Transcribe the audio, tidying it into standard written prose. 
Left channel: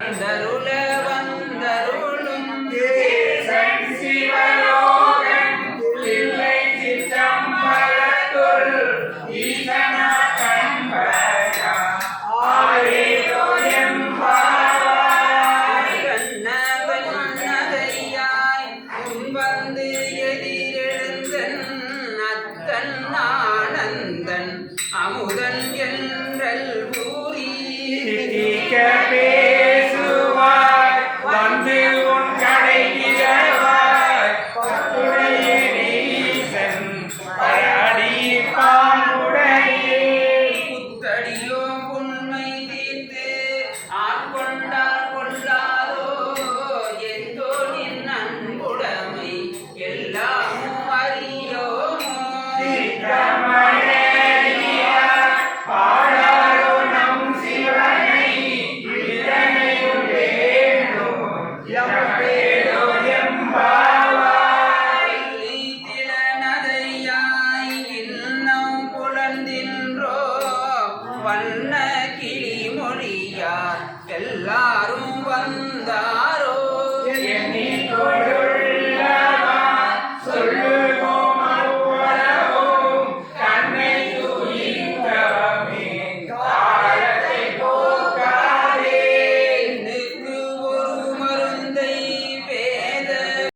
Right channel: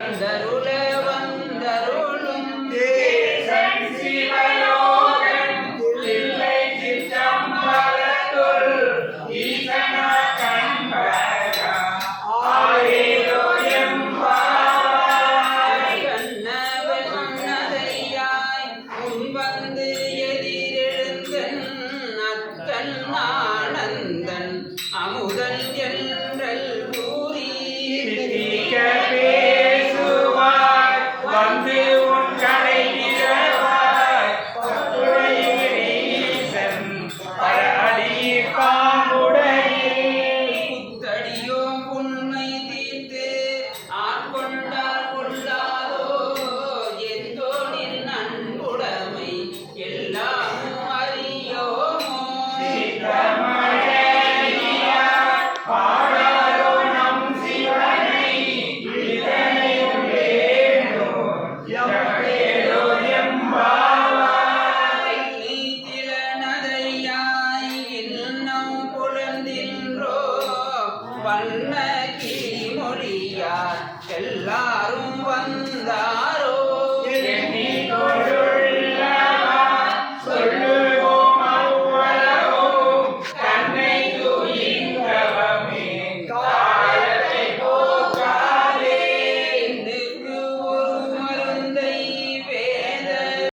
வந்தருள வந்தருளும் தேசன் சிவலோகன் தில்லை சிற்றம்பலத்துள் ஈசன கம்பயா ஆரேலோ எம்பாவாய் கண்ணவன் மன்னதையாய் முன்வந்து எதிரெழுந்தன் அத்தன் ஆனந்தன் அமுதன் என்றல் கூறி வண்ண கிளி மொழியார் எல்லாரும் வந்தார்.